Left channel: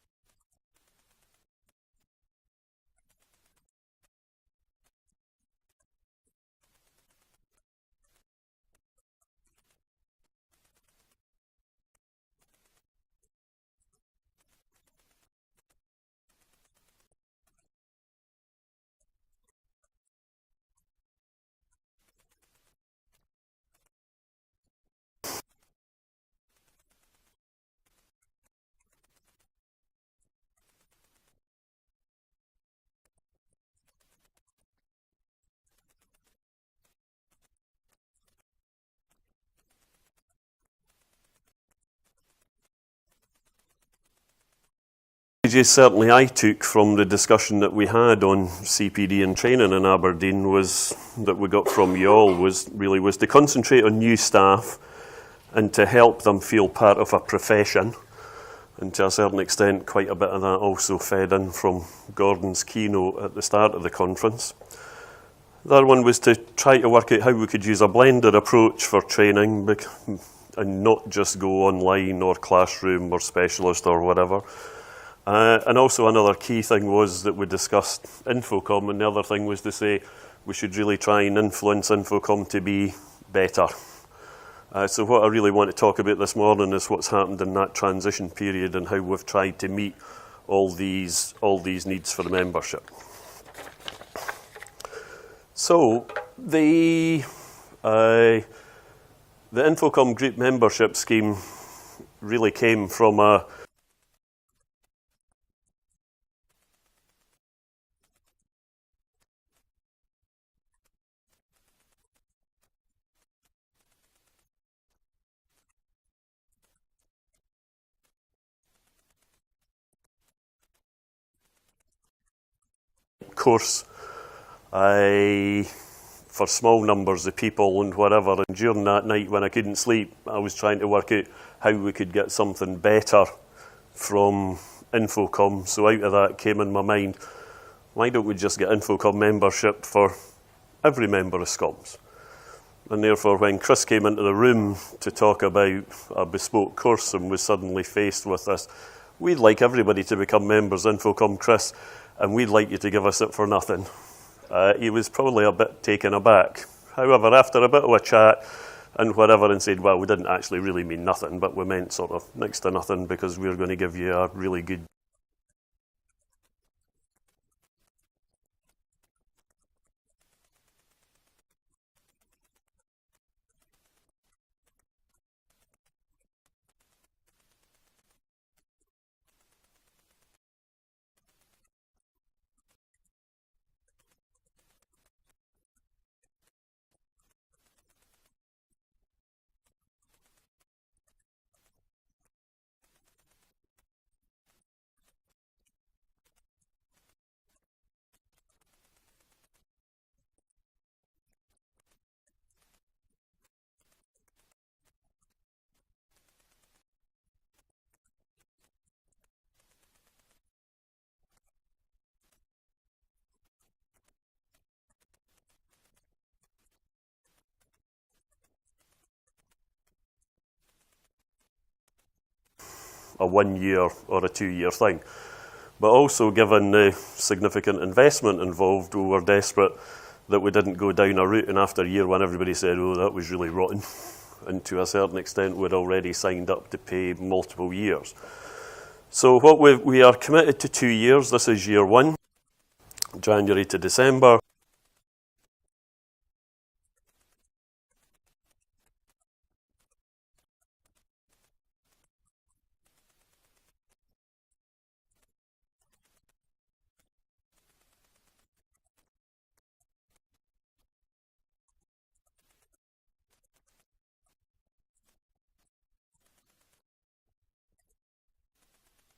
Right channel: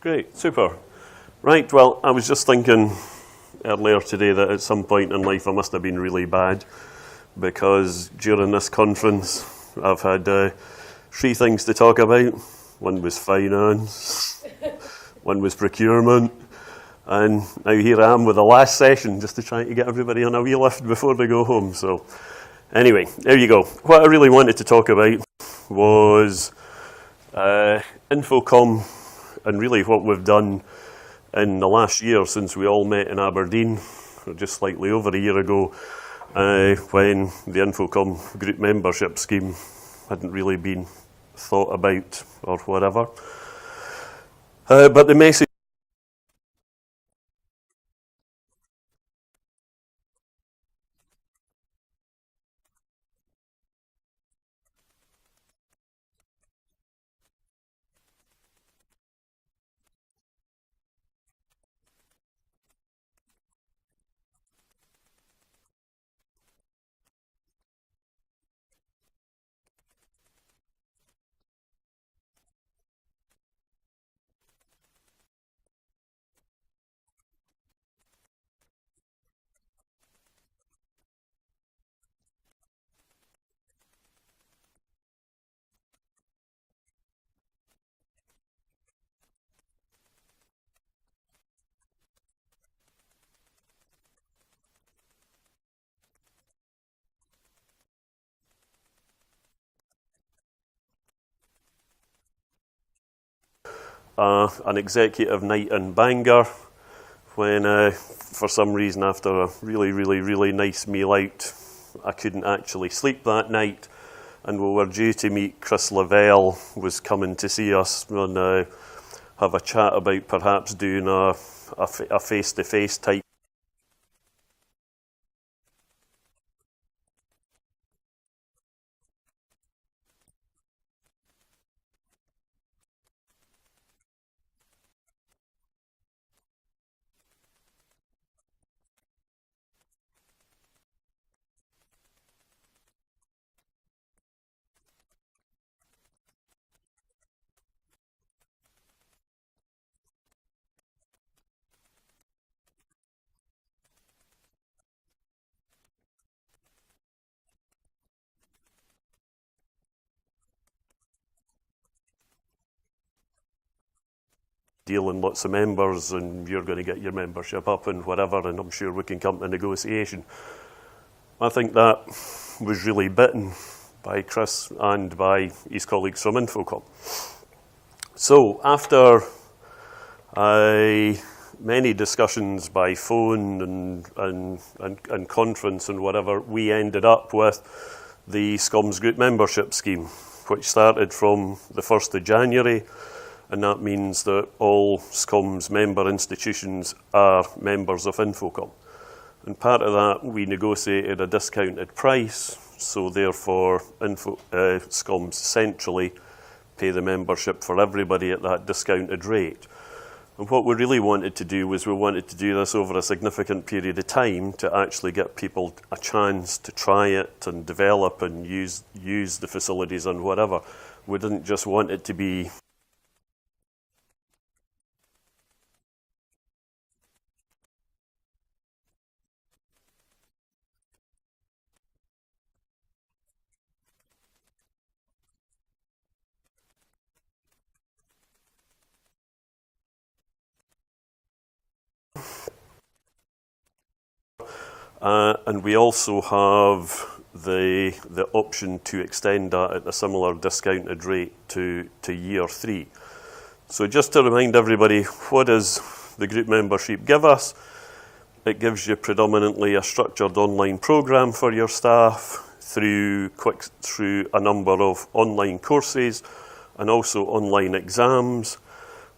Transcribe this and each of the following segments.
Great, super. Right, well, I was just thinking earlier today that at some point in life I must have been really bad because during this conference I've had 3 things to talk about. One was finance, one was procurement, and now here I am with the last session just to try to get everybody on a wee lift before they go home. So anyway, there you go. What I really wanted to talk about was InfoComm and really what we've done in the last year since we all met in Aberdeen, or just slightly over a year ago, when the InfoComm group membership scheme hadn't really been thought about or whatever. But the messages certainly I took from the discussion that we had on CPD and training in Aberdeen was that we got from you all was to concentrate on new staff and to help them feel part of a profession. And to a certain extent, quite a bit of that also fed in from Gordon's keynote at the start of the conference. The other one was to try to work out how we could use a blended approach for training and not just go online or classroom or specialist or whatever. And also another key thing was that we discussed InfoComm, and the other thing was to say we should really try and influence InfoComm to be better. So what I really want to talk about this morning is what's happened in that transition period and how we've tried to meet all these needs for the membership. So the InfoComm group membership scheme really came from an executive night in Bangor when, for some reason, after a really nice meal out, I couldn't actually sleep that night. And we were due to meet Chris Lavelle, was coming to see us and have a chat about perhaps doing a face-to-face type course for small numbers of people and whatever. And during that night when I couldn't sleep, I was trying to work out how we could get something better from InfoComm. So out of that came in my mind, why don't we just get InfoComm membership for every member of Schoms? And therefore, when Chris came into the room to talk about a bespoke course and was suddenly faced with this, we'd like everybody to become members of InfoComm, Chris, and we'd like you to give us it for nothing. He was probably a bit taken aback. However, after a bit of a chat and whatever, and said, well, we didn't actually really mean nothing, but we meant sort of next to nothing because we're going to give you a really good deal and lots of members and you're going to get your membership up and whatever, and I'm sure we can come to negotiation. I think that was really bitten by Chris and by his colleagues from InfoComm. So after many discussions by phone and conference and whatever, we ended up with the Schoms group membership scheme, which started from the 1st of January, and that means that all Schoms member institutions are members of InfoComm. And part of that, we negotiated a discounted price, so therefore Schoms centrally pay the membership for everybody at that discounted rate. And what we really wanted to do was we wanted to do this over a significant period of time to actually get people a chance to try it and develop and use the facilities and whatever. We didn't just want it to be a 1-year or a 2-year thing. But also, given the significant investment involved, we were desperate that we didn't go down a route, and after a year when everybody said, oh, that was really rotten, and to a certain extent we'd already signed up to pay multiple years. So what we are committed to 2 years. This is year 1, January to December, and we also have the option to extend that at a similar discounted rate to year 3. So just to remind everybody, what does the group membership give us? It gives you predominantly a structured online program for your staff through a number of online courses and also online exams.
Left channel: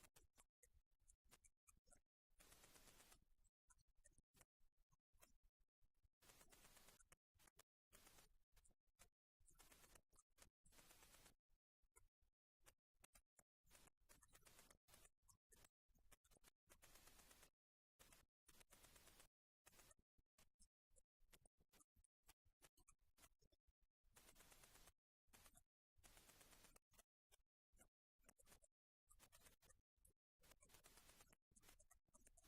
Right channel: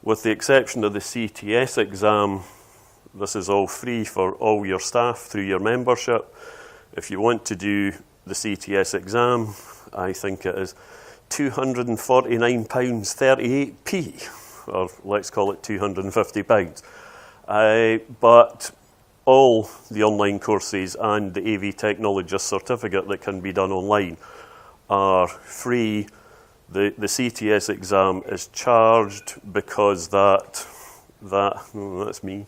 With the exception of the CTS exam, this is all free for all your staff through your membership. If you want to do the CTS exam, I think it is £249.38p, or let's call it £250. But all the online courses and the AV Technologist certificate that can be done online are free The CTS exam is charged because that's me.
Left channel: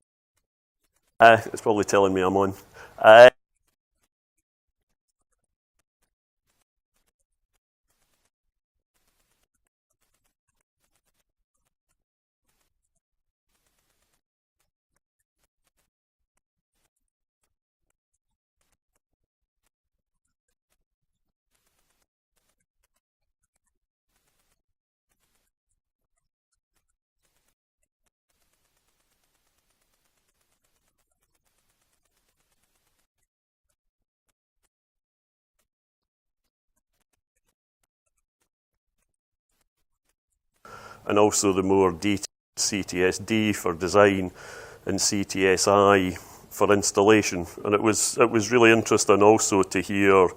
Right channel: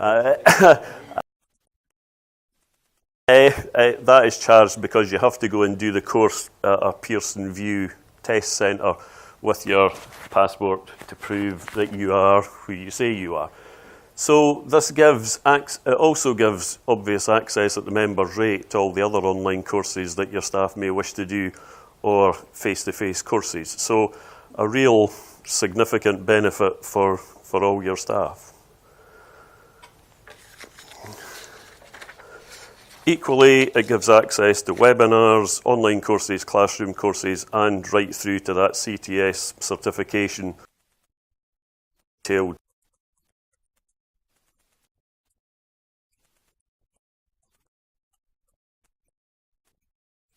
It's probably telling me I'm on. That is charged because you have to go and do the course at a Pearson View test centre with your passport to prove that you are who you say you are. So this it also gives obvious access at the members' rate to all the other online courses that your staff may wish to do, or face-to-face courses. So a real significant benefit for all your staff. Equally, it gives access to webinars, online courses, classroom courses, and right through to that CTS certification, and also the more detailed CTSD for design and CTSI for installation. And it was really interesting also to hear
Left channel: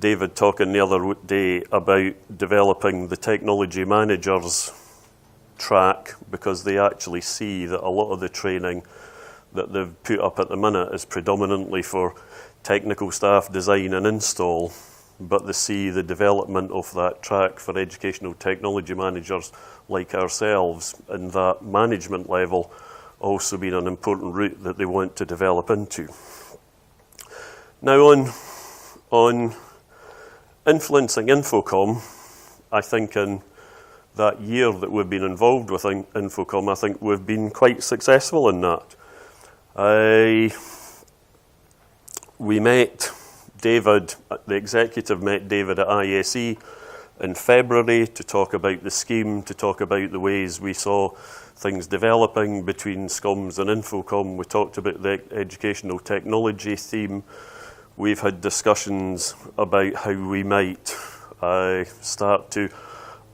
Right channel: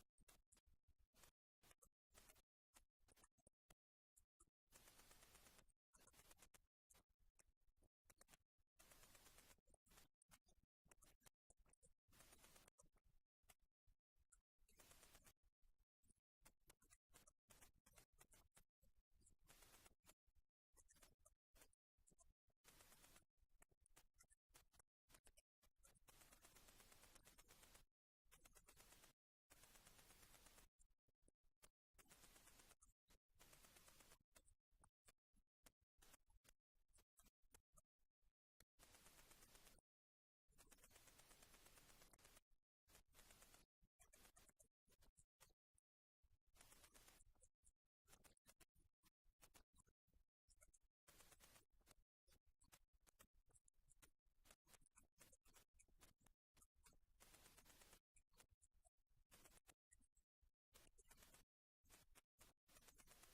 David talking the other day about developing the technology managers track, because they actually see that a lot of the training that they've put up at the minute is predominantly for technical staff design and install, but they see the development of that track for educational technology managers like ourselves and that management level also being an important route that they want to develop into. Now on influencing InfoComm, I think in that year that we've been involved with InfoComm, I think we've been quite successful in that. We met David, the executive met David at ISE in February to talk about the scheme, to talk about the ways we saw things developing between Schoms and InfoComm. We talked about the educational technology theme. We've had discussions about how we might start to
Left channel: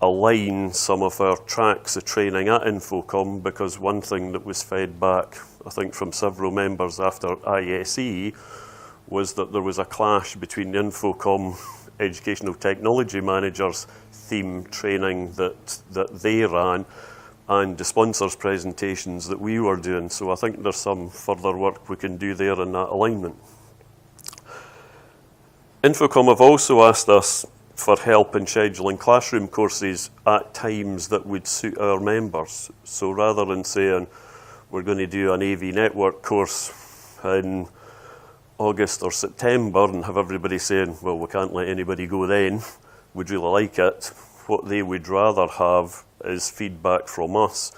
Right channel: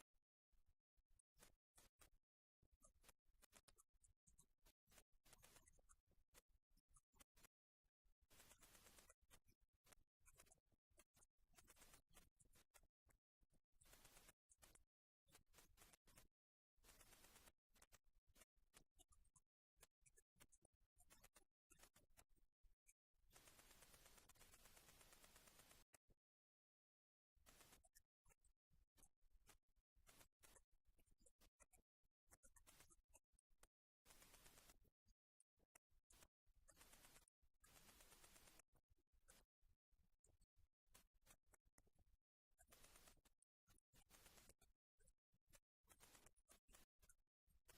align some of our tracks of training at InfoComm, because one thing that was fed back, I think, from several members after ISE was that there was a clash between the InfoComm educational technology managers theme training that they ran and the sponsors' presentations that we were doing. So I think there's some further work we can do there in that alignment. InfoComm have also asked us for help in scheduling classroom courses at times that would suit our members. So rather than saying we're going to do an AV network course in August or September and have everybody saying, well, we can't let anybody go then, we'd really like it, what they would rather have is feedback from us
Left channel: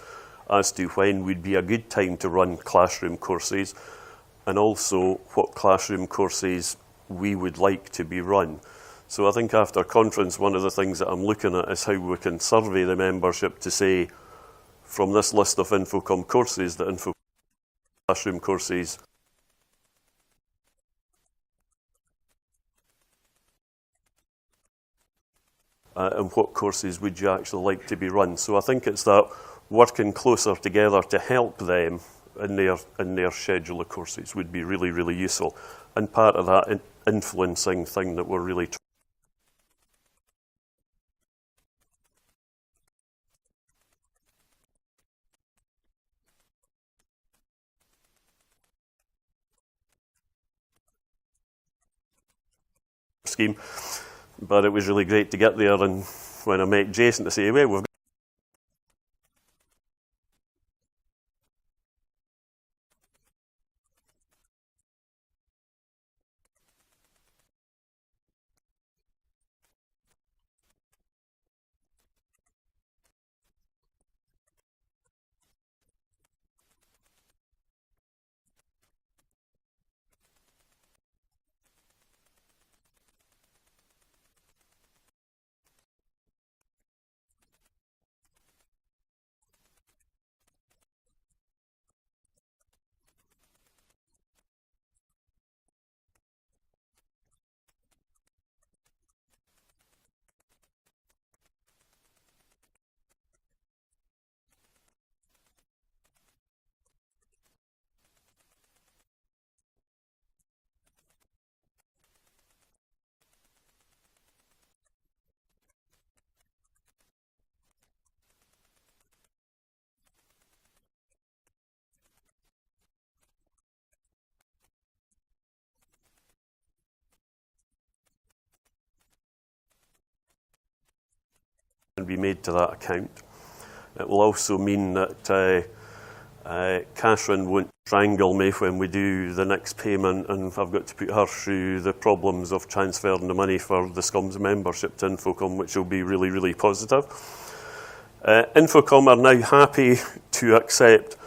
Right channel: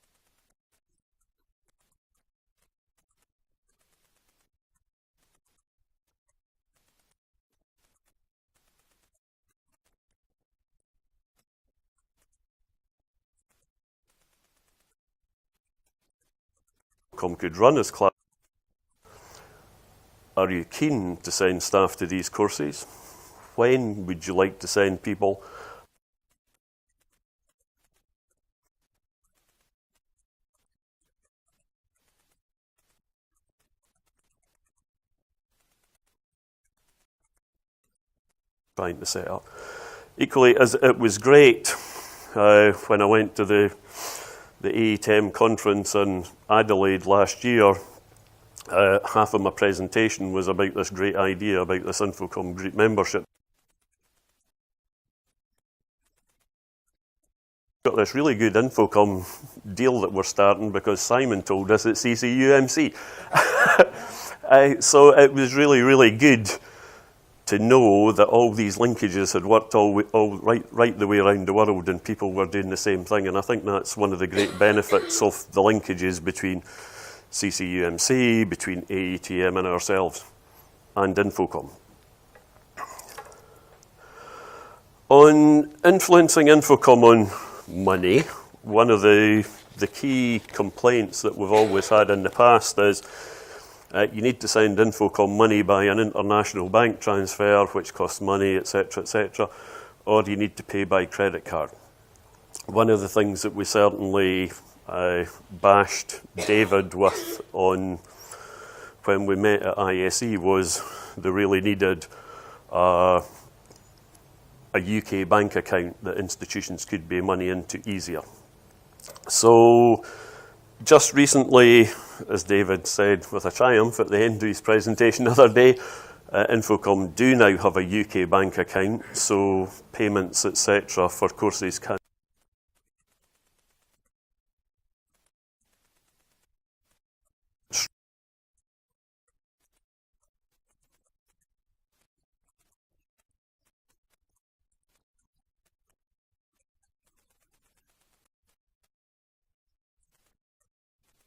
as to when would be a good time to run classroom courses, and also what classroom courses we would like to be run. So I think after conference, one of the things that I'm looking at is how we can survey the membership to say, from this list of InfoComm courses that InfoComm could run as classroom courses, are you keen to send staff to these courses? When would you like to send people? And what courses would you actually like to be run? So I think it's that working closer together to help them in their schedule of courses would be really, really useful. And part of that influencing thing that we're really trying to set up. Equally, as it was great when I went to the AETM conference in Adelaide last year, half of my presentation was about this great idea about this InfoComm group membership scheme. But it was really great to get there, and when I met Jason to say, well, we've got this really good InfoComm deal that we're starting because Simon told us at CCUMC. So it was really, really good to know that all these linkages had worked right the way around the world, and people were doing the same thing. And I think that's one of the great benefits of the linkages between CCUMC, between AETM and ourselves, and InfoComm. On influencing InfoComm on money, one of the key complaints that we've always had in the past is you need to send InfoComm money by an international bank transfer, which costs money, etc., or you need to pay by credit card. One of the things that we certainly bashed David with on when we met at ISE was they really needed a UK bank account that institutions could pay money into easier. So just recently, as David said with a triumph at the end of his presentation the other day, InfoComm do now have a UK bank account, so payments, etc. for courses can be made to that account. It will also mean that Catherine won't strangle me when we do the next payment, and I've got to put her through the problems of transferring the money for the Schoms membership to InfoComm, which will be really, really positive. InfoComm are now happy to accept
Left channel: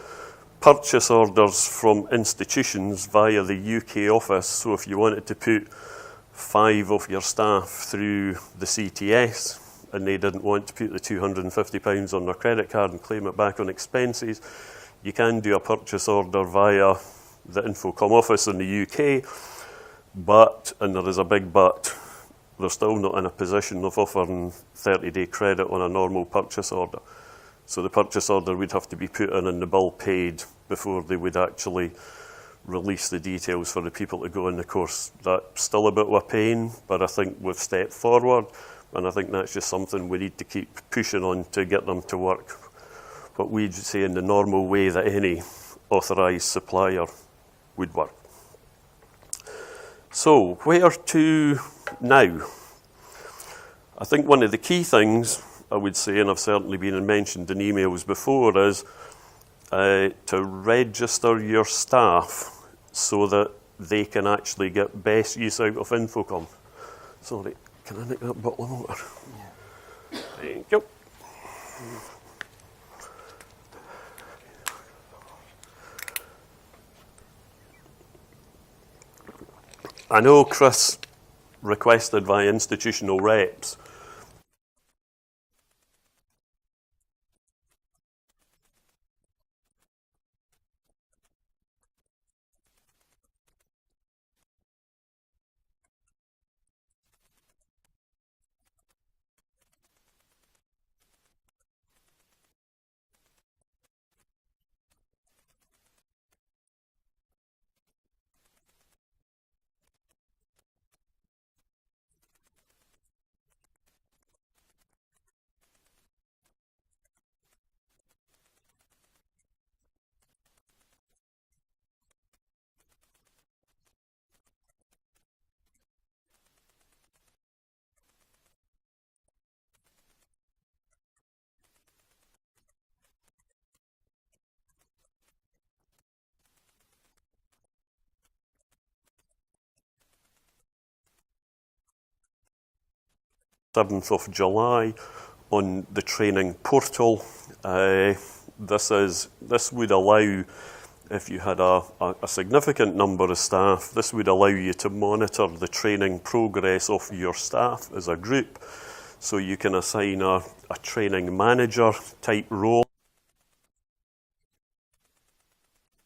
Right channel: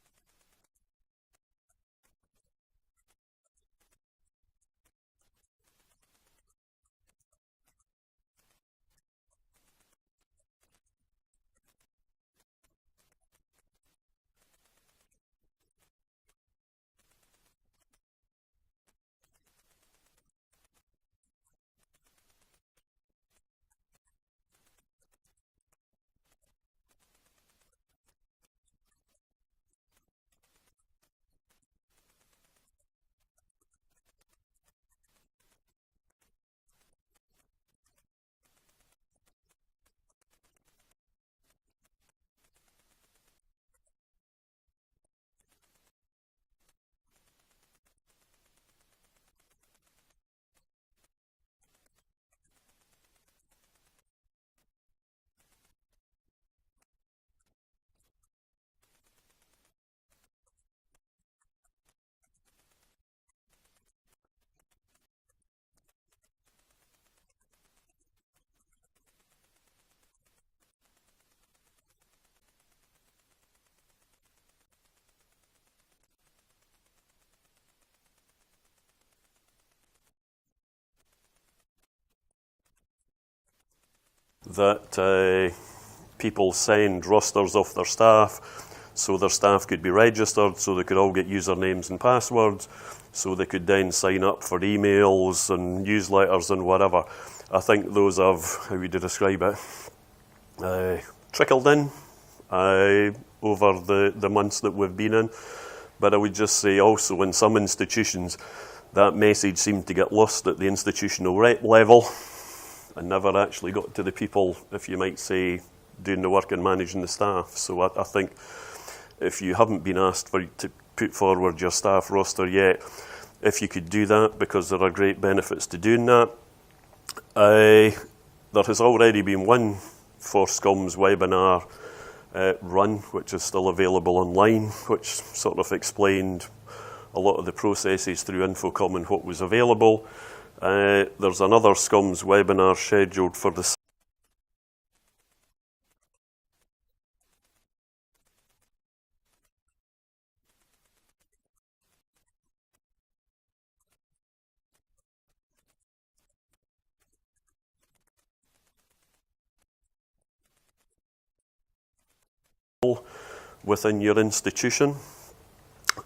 purchase orders from institutions via the UK office. So if you wanted to put 5 of your staff through the CTS and they didn't want to put the £250 on their credit card and claim it back on expenses, you can do a purchase order via the InfoComm office in the UK, but, and there is a big but, they're still not in a position of offering 30-day credit on a normal purchase order. So the purchase order would have to be put in and the bill paid before they would actually release the details for the people to go in the course. That's still a bit of a pain, but I think we've stepped forward, and I think that's just something we need to keep pushing on to get them to work what we'd say in the normal way that any authorised supplier would work. So, where to now? I think one of the key things I would say, and I've certainly been mentioned in emails before, is to register your staff so that they can actually get best use out of InfoComm. Sorry, can I make that bottle of water? Yeah. Thank you. I know Chris requested via institutional reps that people send rosters of their staff so their staff could be registered, so they could all get usernames and passwords, so they could then sign up for emails and newsletters and whatever. I think those have, how would you describe it, trickled in over the months that we've been in. But I would just say also in some institutions, that message seemed to get lost at the institutional rep level and never actually got to the people, if you might say, doing the work and managing the staff. So I think if you haven't been asked to put forward your staff roster yet, if you could do that, because there are great benefits to doing that. There has already been one for Schoms webinar run, which is still available online, which sort of explained a lot of the processes through InfoComm and what was available. There's another Schoms webinar scheduled for the 7th of July on the training portal. This would allow, if you had a significant number of staff, this would allow you to monitor the training progress of your staff as a group. So you can assign a training manager type role within your institution.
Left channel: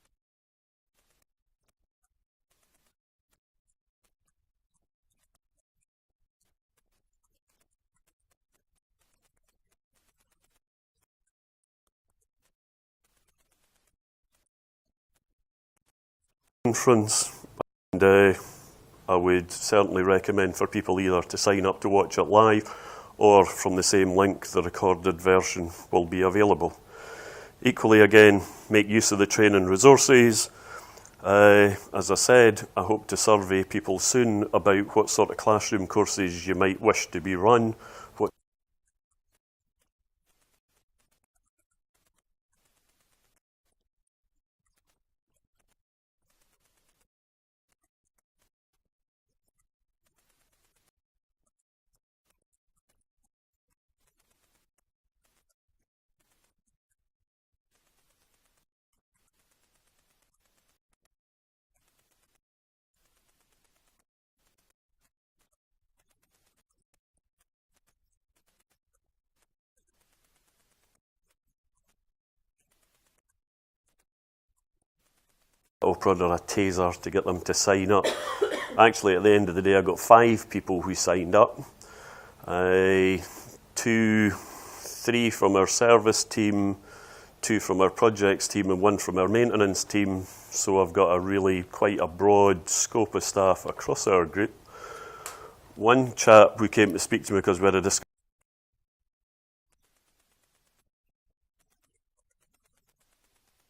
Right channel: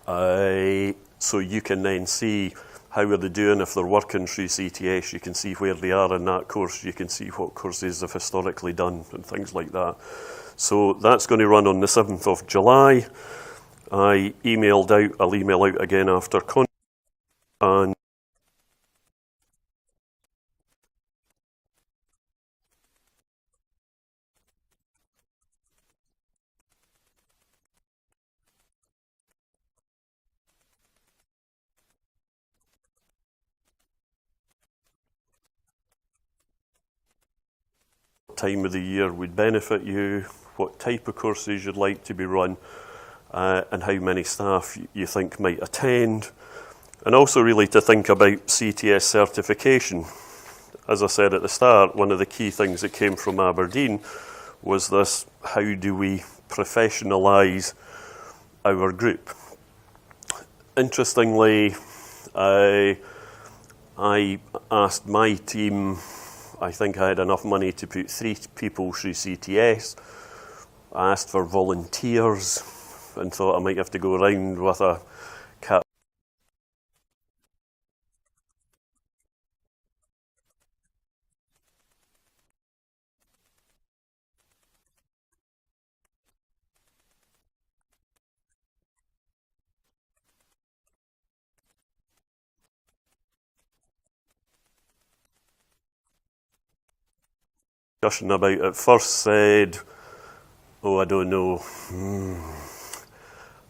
So you can then see how are they doing if they're working through CTS. You can see where they are in that course. You can see what courses they've historically done and things like that. So that's going to run on the 7th of July. I'll email out again after conference, and I would certainly recommend for people either to sign up to watch it live, or from the same link, the recorded version will be available. Equally, again, make use of the training resources. As I said, I hope to survey people soon about what sort of classroom courses you might wish to be run, what time of the year would benefit you, what type of courses you'd like to be run, and how many staff you think might attend. And also really to think about CTS certification. As I said at the start, one of the key things that came from Aberdeen was this: how do we professionalise our group? Interestingly, I asked my team, I think I had enough money to put 3 people through CTS. I asked for volunteers and thought I might have to go around with a cattle prod or a taser to get them to sign up. Actually, at the end of the day, I got 5 people who signed up. 3 from our service team, 2 from our projects team, and 1 from our maintenance team. So I've got quite a broad scope of staff across our group. One chap who came to speak to me because we had a discussion about it first said, "Oh, I don't know.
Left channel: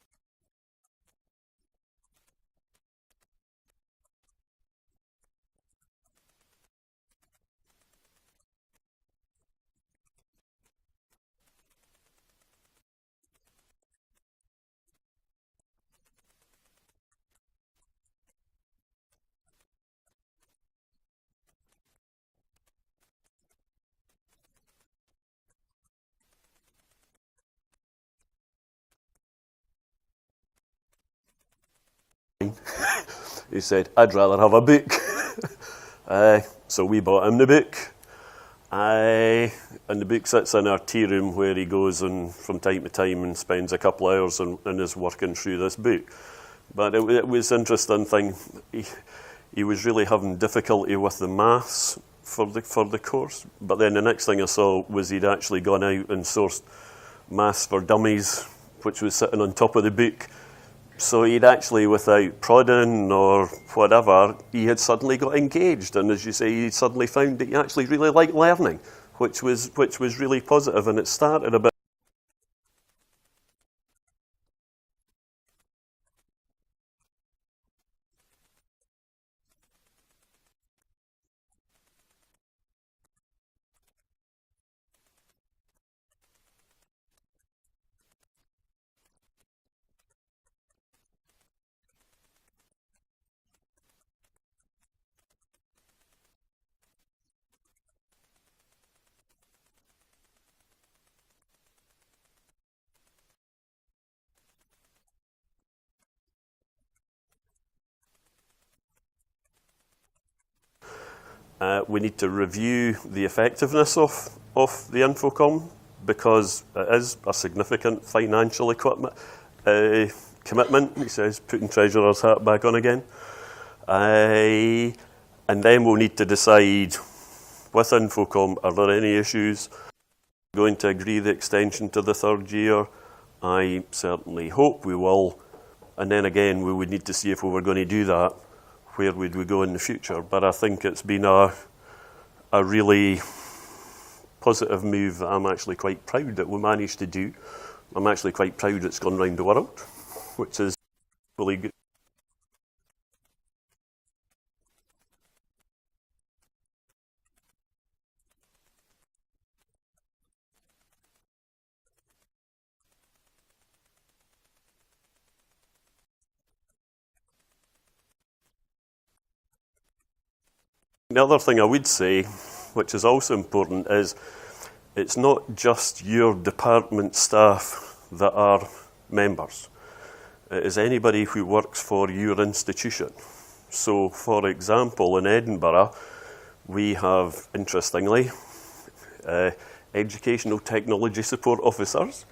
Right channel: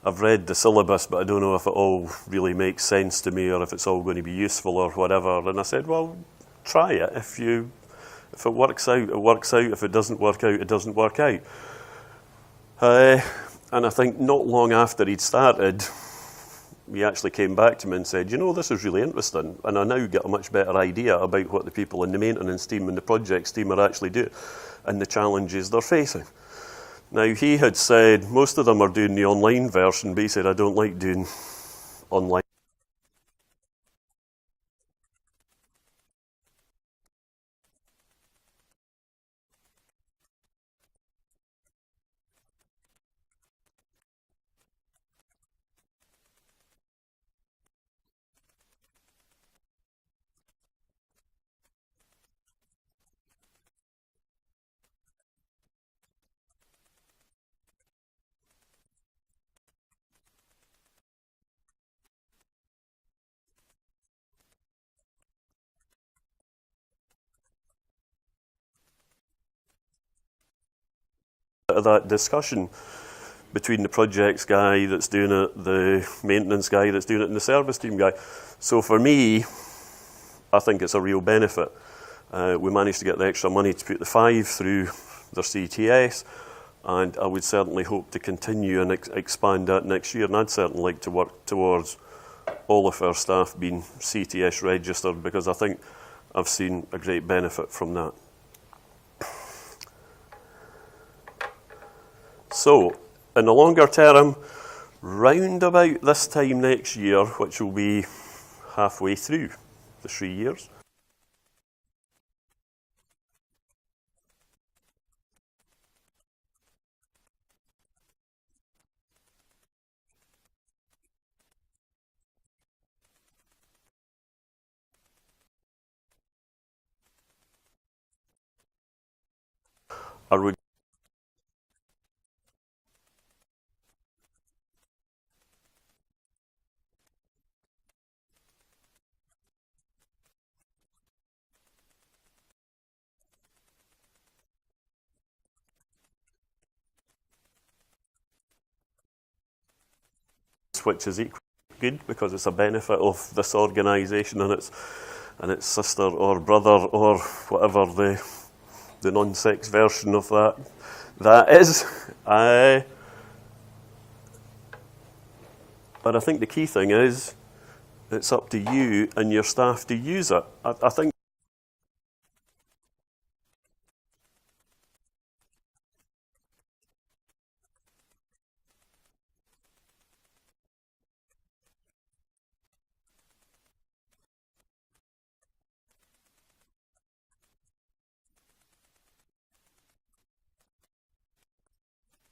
I've read the syllabus, but I don't know if it all really makes sense to me or if it's all going to be useful or whatever. And I said, well, try it. If it works out, it works out. If it doesn't work out, it doesn't work out. And I think not long after he'd started, he actually came back to me and said, you know, this is really interesting. And I now get a much better idea about what the people in the maintenance team and the projects team are actually doing and the challenges they're facing. Now, he had said most of them are doing the online version, but he said, I don't like doing online. He said, I'd rather have a book. So we bought him the book. And the book sits in our tea room where he goes and from time to time and spends a couple of hours and is working through this book. But it was an interesting thing. He was really having difficulty with the maths for the course. But then the next thing I saw was he'd actually gone out and sourced Maths for Dummies, which was sitting on top of the book. So he'd actually, without prodding or whatever, he had suddenly got engaged. And as you say, he suddenly found that he actually really liked learning, which was really positive. And it started a bit of that discussion between the projects guy that's doing it, the maintenance guy that's doing it, and the service team guy. So for me, I think it's a real benefit. We managed to get the extra money to put the 5 through their CTS. And I would certainly hope to continue and expand that next year. And I'd certainly like to work towards all of our staff being CTS registered because I think I've seen a great benefit from that. So, in the longer term, round about this time next year, which will be halfway through the 3 years, we need to review the effectiveness of the InfoComm, because it is a significant financial commitment. He says, putting treasurer's hat back on again. And then we'll need to decide with InfoComm, are there any issues? Are we going to agree the extension to the 3rd year? I certainly hope we will. And then again, we would need to see if we were going to do that, where would we go in the future? But I think it's been a really positive move that I'm actually quite proud that we managed to do. I'm actually quite proud it's gone round the world, which is equally good because it's a benefit of this organisation and its sister or brother or whatever the non-sex version of that is. But I think the key thing is it's up to you and your staff to use it. I think the other thing I would say, which is also important, is it's not just your department staff that are members. It is anybody who works for your institution. So, for example, in Edinburgh, we have, interestingly, educational technology support officers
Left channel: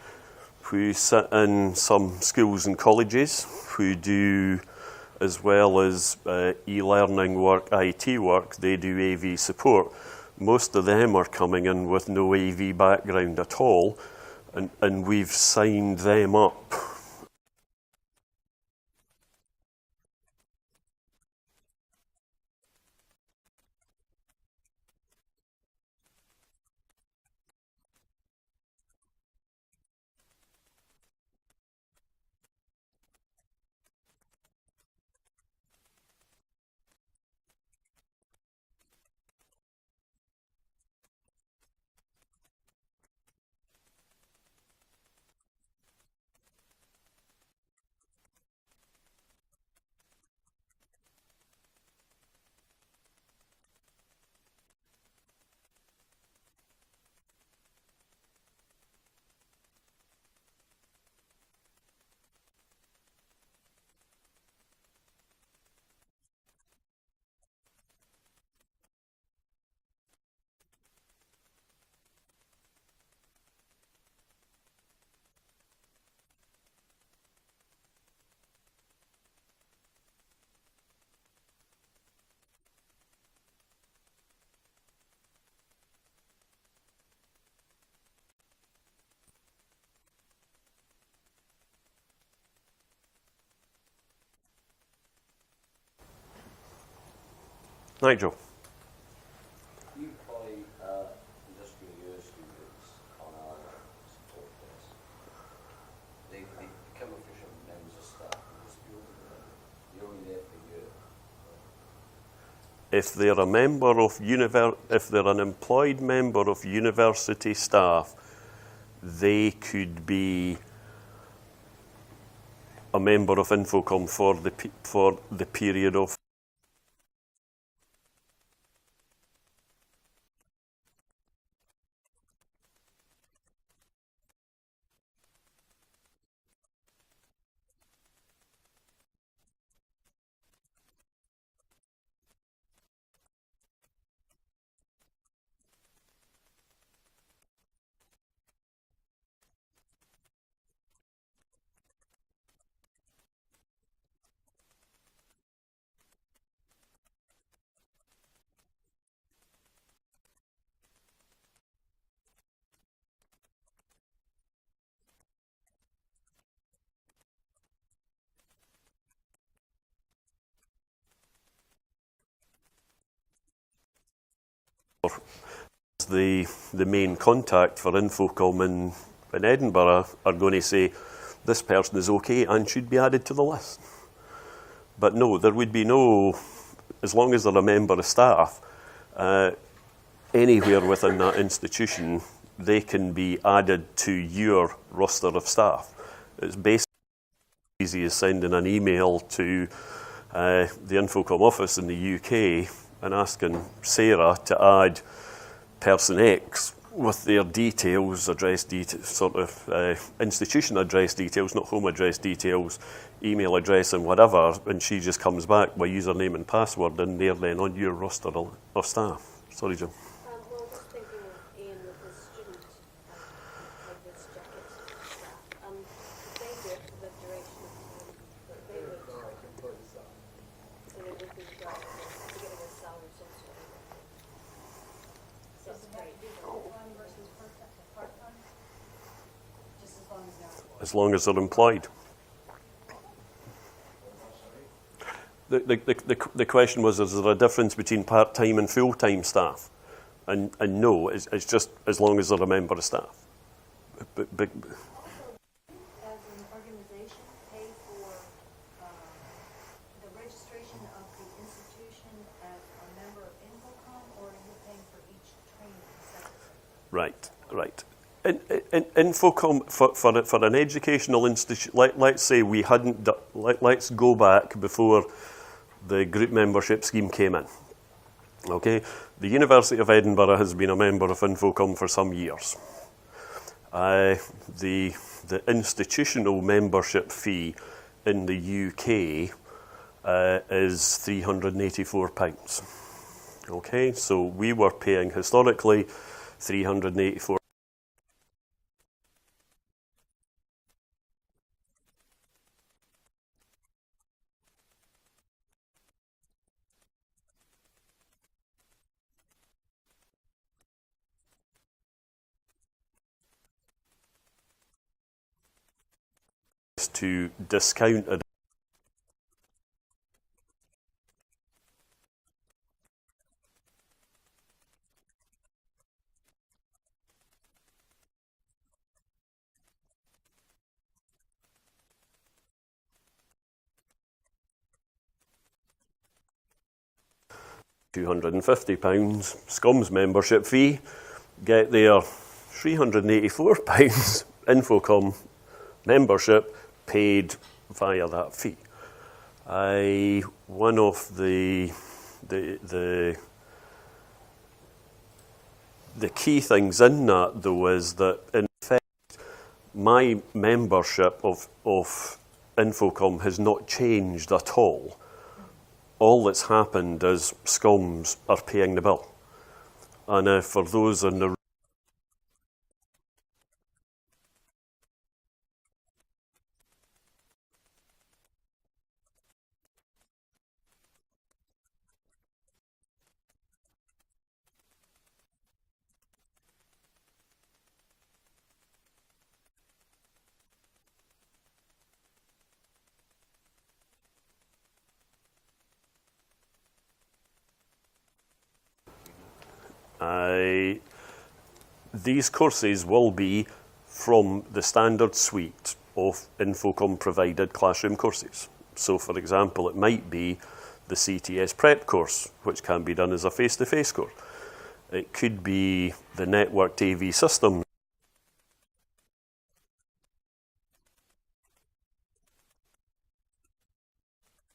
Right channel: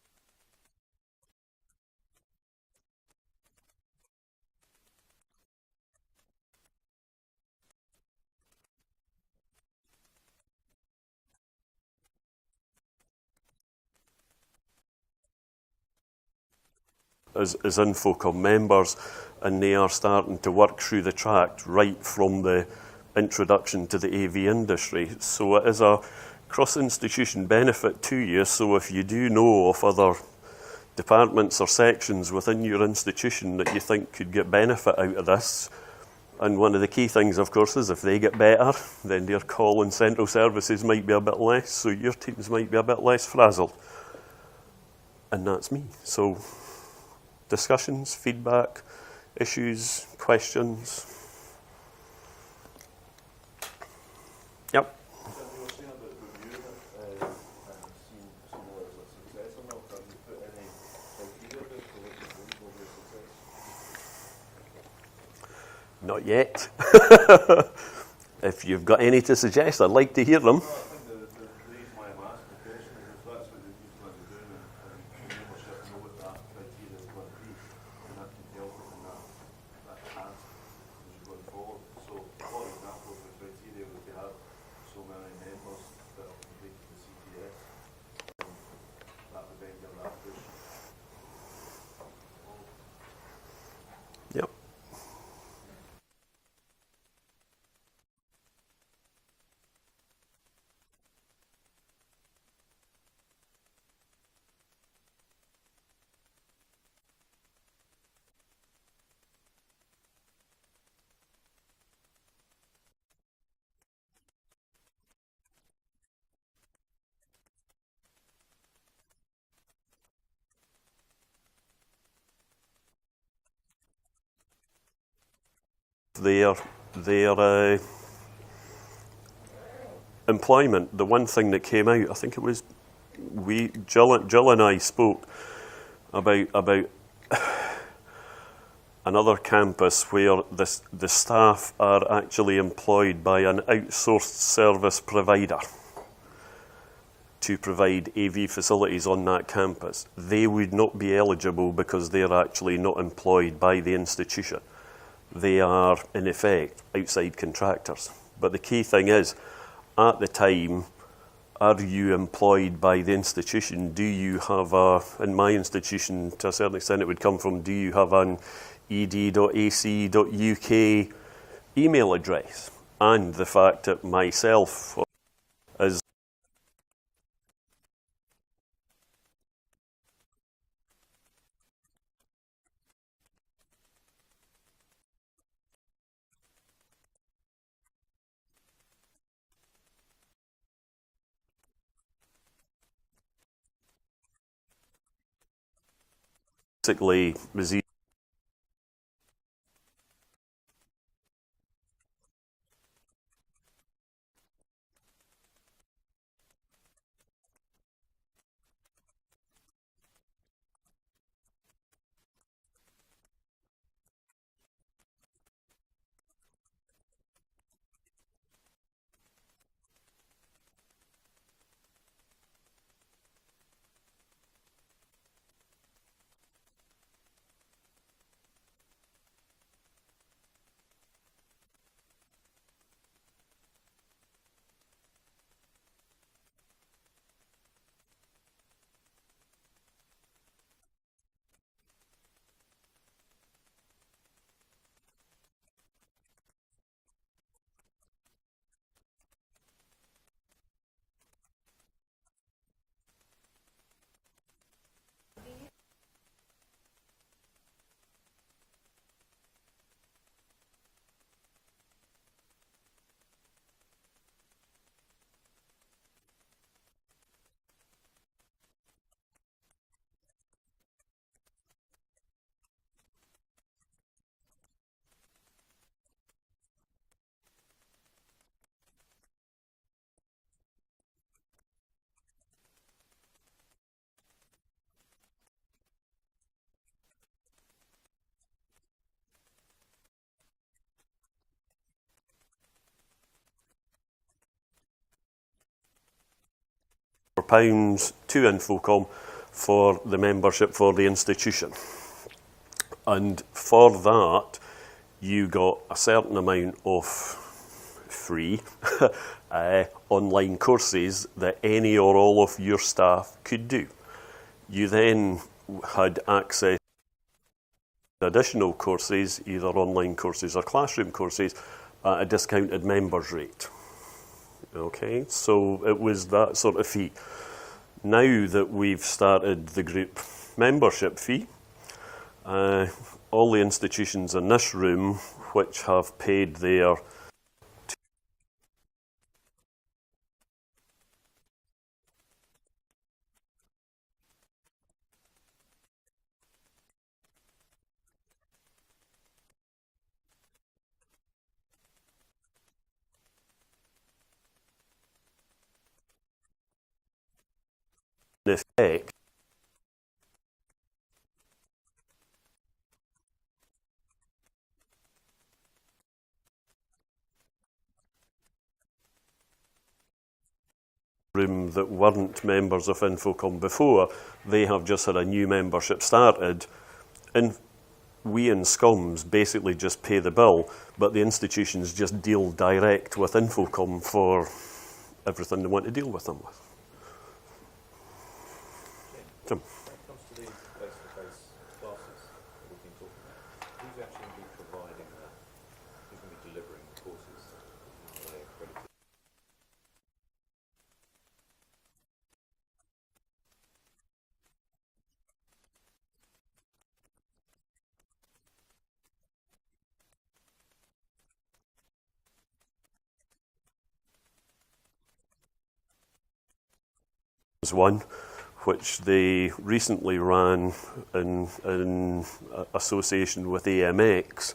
who sit in some schools and colleges who do, as well as e-learning work, IT work, they do AV support. Most of them are coming in with no AV background at all, and we've signed them up as InfoComm members, and they are starting to work through the track right from the introduction to the AV industry. So it is a cross-institution benefit to you, so if you do know of other departments or sections within your institution that you think could get benefit out of this, and one of the key things, of course, is if they get better, then their call and central services might be a bit less, so your teams might be a bit less frazzled. And that's me. So, discussions, feedback, issues, questions. Yep. Not yet. If you've got any to suggest, I'd like to hear them. Nigel. We employ industrial year students on our support desk. They become efficient if they're a member of if they're an employed member of university staff, they could be a member of InfoComm for the period of their employment. The one thing that came out, I think it was Jill and I spoke about another campus where the staff are actually employed by an outsourced service provider to provide AV facilities on that campus. They would not be eligible because they're actually not employed by the institution. They are, in effect, outside contractors. But the key thing is, at the time, are you employed by the institution? Do you have in my institution, to a certain extent it would come from, do you have an ed.ac.uk email address? And the fact that myself, as the main contact for InfoComm in Edinburgh, are going to say, this person is okay and should be added to the list. But no, there would be no, as long as they're a member of staff, anywhere within that institution, they can be added to your roster of staff. It's basically as easy as sending an email to the InfoComm office in the UK and asking Sarah to add person X with their details, address details, sort of institution address details, not home address details, email address and whatever, and she just comes back with username and password, and they're then on your roster of staff. Sorry, Jim. Well, just thinking of Ian with his student, like this jacket staff, they do it for the duration of time that they would, so they would be getting a salary some sort of. So it's great. Full-time versus part-time? Just as long as they're employed. As long as they're employed. The question was, is there a difference between part-time and full-time staff? And no, it's just as long as they're a member of staff. Also, do you, as an organization, pay for the registration of the institution as a member of InfoComm, or are you paying for each training separately? Right. In InfoComm, for an educational institution, let's say we hadn't, let's go back before the group membership scheme came in. Okay, the University of Edinburgh has been a member of InfoComm for some years. The institutional membership fee in the UK is £384. Okay, so we were paying historically £384 to InfoComm for the membership for the institution. And for that, you got a certain amount of free online courses that any or all of your staff could do. You then had access to discounted additional courses, either online courses or classroom courses, at a discounted members rate. Okay, so it was that sort of fee. Now that we've started the group membership fee, all the institutions in this room which have paid their £250 Schoms membership fee get their £384 InfoComm membership paid via that fee. One of the key things in that, though, is that, in effect, my membership of InfoComm has not changed at all. All that's happened is Schoms are paying the bill. And for those in the room that weren't members of InfoComm before, they have just had a new membership started. And we in Schoms basically just pay the bill, but the institutions just deal direct with InfoComm for everything they want to deal with them with. Jim. These courses will be from the standard suite of InfoComm provided classroom courses. So, for example, it might be the CTS prep course, which can be done as a face-to-face course. It could be the networked AV systems one, which they recently ran in association with AMX,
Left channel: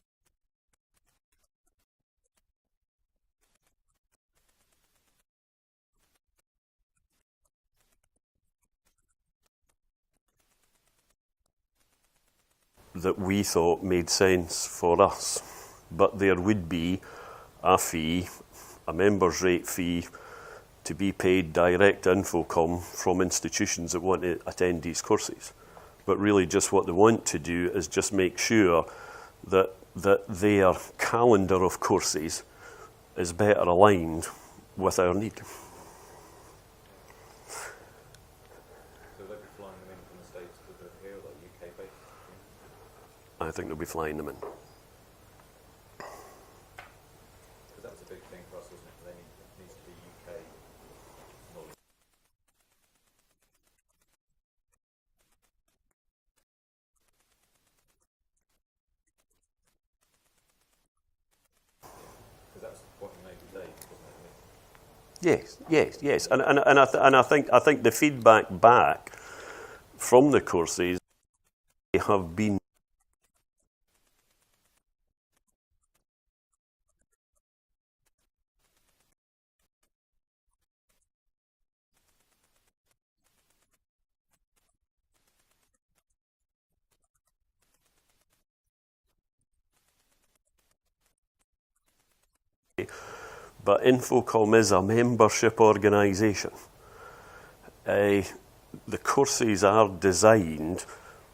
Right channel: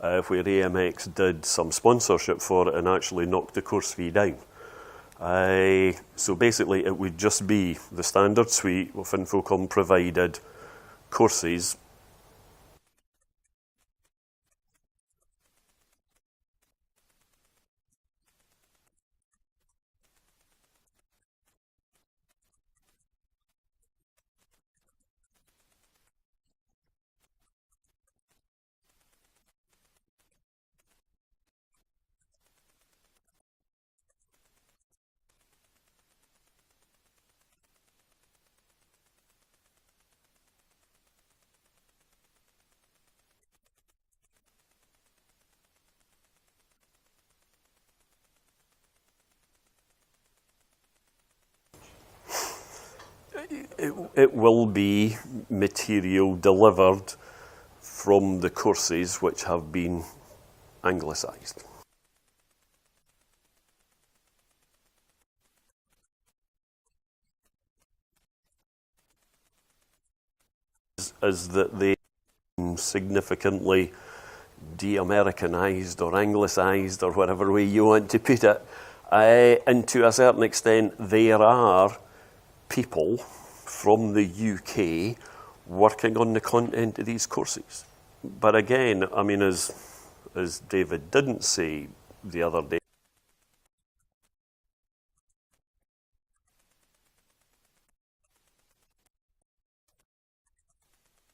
where AMX did some sponsorship for it and actually knocked the course fee down. So basically it would just be the standard suite of InfoComm provided courses that we thought made sense for us. But there would be a fee, a member's rate fee, to be paid direct to InfoComm from institutions that want to attend these courses. But really just what they want to do is just make sure that their calendar of courses is better aligned with our need. So they'll be flying them in from the States to the here, like UK based? I think they'll be flying them in. Because that's a big thing for us, isn't it? It needs to be UK knowledge. It will be material delivered from the courses which have been anglicised. Because that's the point you made today, wasn't it? Yes. And I think the feedback back from the courses is that they have been significantly de-Americanised or anglicised or whatever way you want to put it. And to a certain extent, there are people from the UK working on the content of these courses. But again, I mean, as David didn't say the other day, but InfoComm is a membership organisation. The courses are designed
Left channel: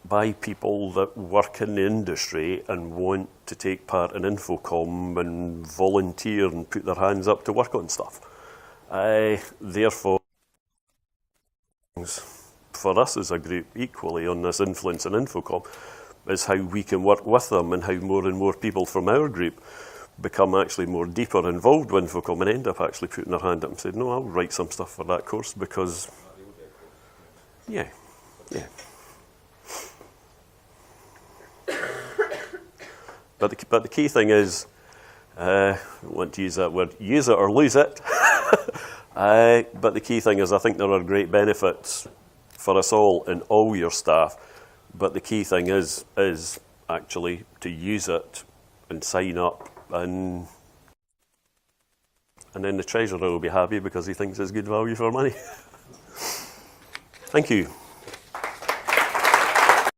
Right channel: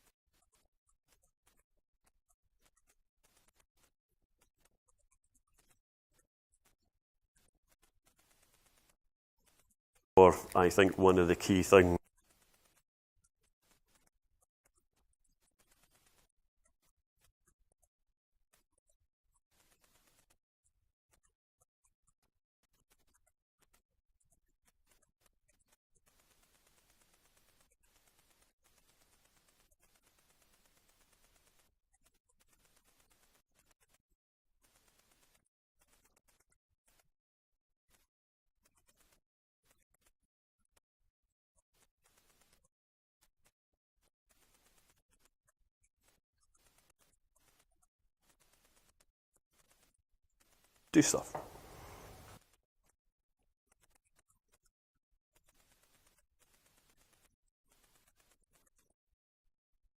by people that work in the industry and want to take part in InfoComm and volunteer and put their hands up to work on stuff. Therefore, I think one of the key things for us as a group equally on this influence in InfoComm is how we can work with them and how more and more people from our group become actually more deeper involved with InfoComm and end up actually putting their hand up and saying, no, I'll write some stuff for that course because, yeah. But the key thing is, I want to use that word, use it or lose it. But the key thing is I think there are great benefits for us all and all your staff. But the key thing is actually to use it and sign up and do stuff. And then the treasurer will be happy because he thinks it's good value for money. Thank you.